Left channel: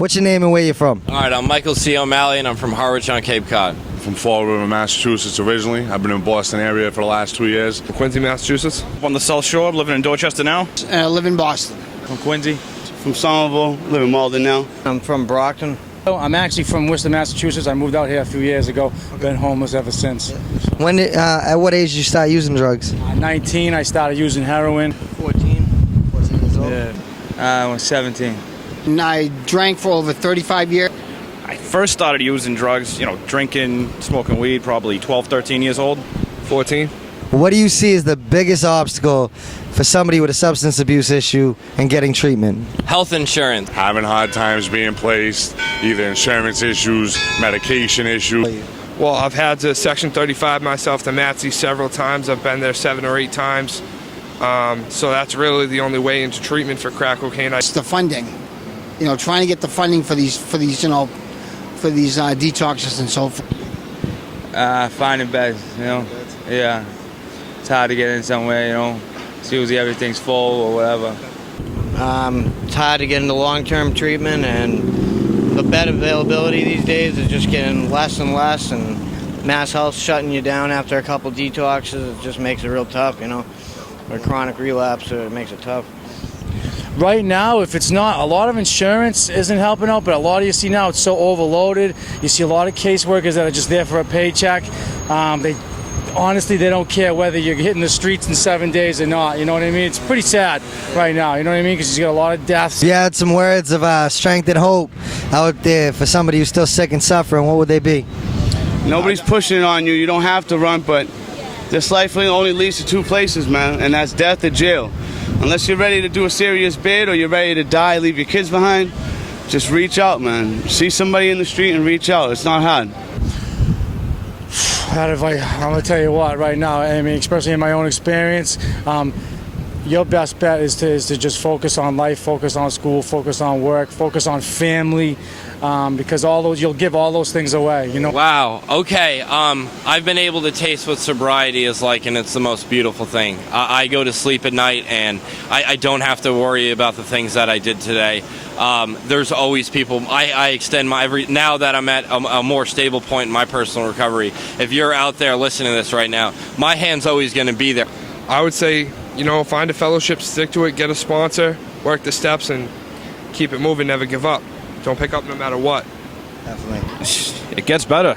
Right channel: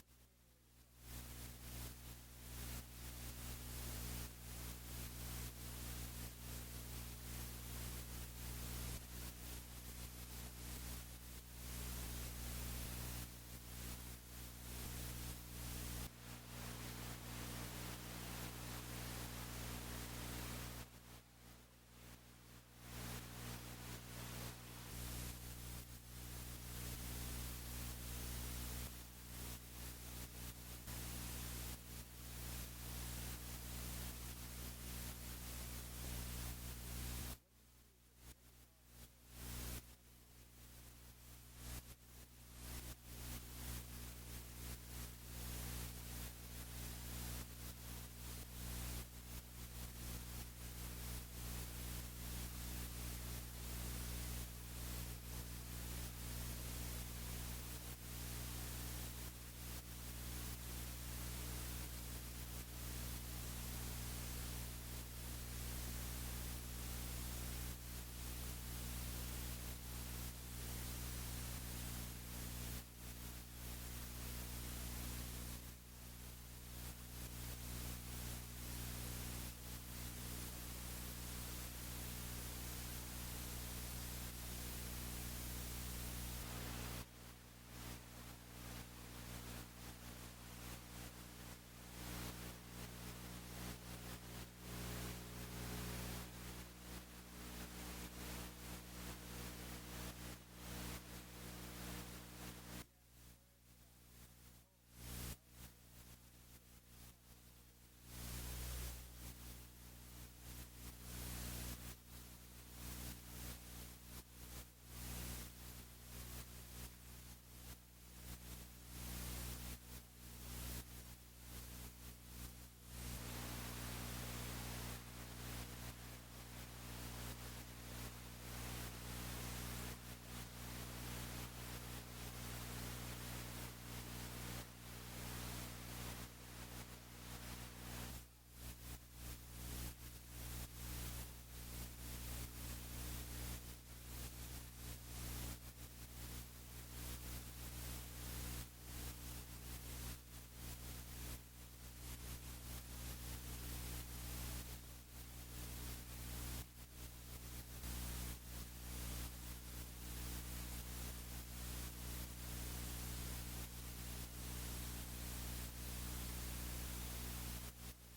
What's your name and where you from? All right, I'm Michael C. O'Malley, and I'm from Harwich on Cape Cod. From Fall River, Massachusetts originally. I've been in Boston area for the last 2 years. Quincy, Massachusetts. On the South Shore, living in Dorchester now. I live in Boston. From Quincy. From Somerville, live in Malden now. I'm from Brockton. I'm actually from Worcester, Massachusetts. I moved out here a few years ago. Been homeless ever since. When did, at what age did you start using drugs? 19, I started using heroin. 14 years old. I was 17. And I drank for over 35 years. I first started using drugs, drinking, smoking weed, probably 12, 13 years old. 14. What do you see as the biggest obstacle for somebody with a substance abuse issue and getting treatment? Health insurance. Having hard times being placed, either insurance issues, medication issues. Well, I've had to Section 35 myself to MATSE several times. I've been there 7 or 8 times. So that's really the only way into treatment for crack cocaine. It's the funding. Trying to get the funding for these detoxes and so forth. Finding beds, Yeah. It's hard to get in somewhere, It's usually everything's full or whatever. It's hard to get into long-term treatment, and the bed availability these days is just getting less and less, and Mass Health shutting you down after a couple detoxes. It just makes it real tough, Or chronic relapse, it makes it tough. Right now, if it's not, a lot of insurance isn't helping out, but a lot of you see now it's so overloaded. You see a lot of caseworkers that are just there for a paycheck. They don't care whether you're hitting the streets in 7 days or not. You know what I mean? It's pretty sad right now. You know what I mean? Because you got a lot of deaths. If you had some words of strength and hope out there for somebody who's still sick and suffering, what would they be? Nobody's pushing it on you. You don't have to run, but this life only leads to 2 places, man, and that's death or jail. Unless you're ready to do a serious bid or you're ready to die, leave your kids behind, just reach out, man. See somebody in the street and reach out. It's not hard. I'm going to tell you what, right now, especially in my own experience, your best bet is to just focus on life, focus on school, focus on work, focus on family, because you'll give all those things away, Wow. Okay. I've been able to taste what sobriety is like, and it's the most beautiful thing. I go to sleep at night, and I don't have to worry about the things that I did today. There's always people. I extend now that I'm at a more stable point in my personal recovery. If you're out there listening to this right now, my hand's always going to be there. I would say, find a fellowship, stick to it, get a sponsor, work the steps, and keep it moving, never give up. Don't pick up no matter what. Definitely. It gets better.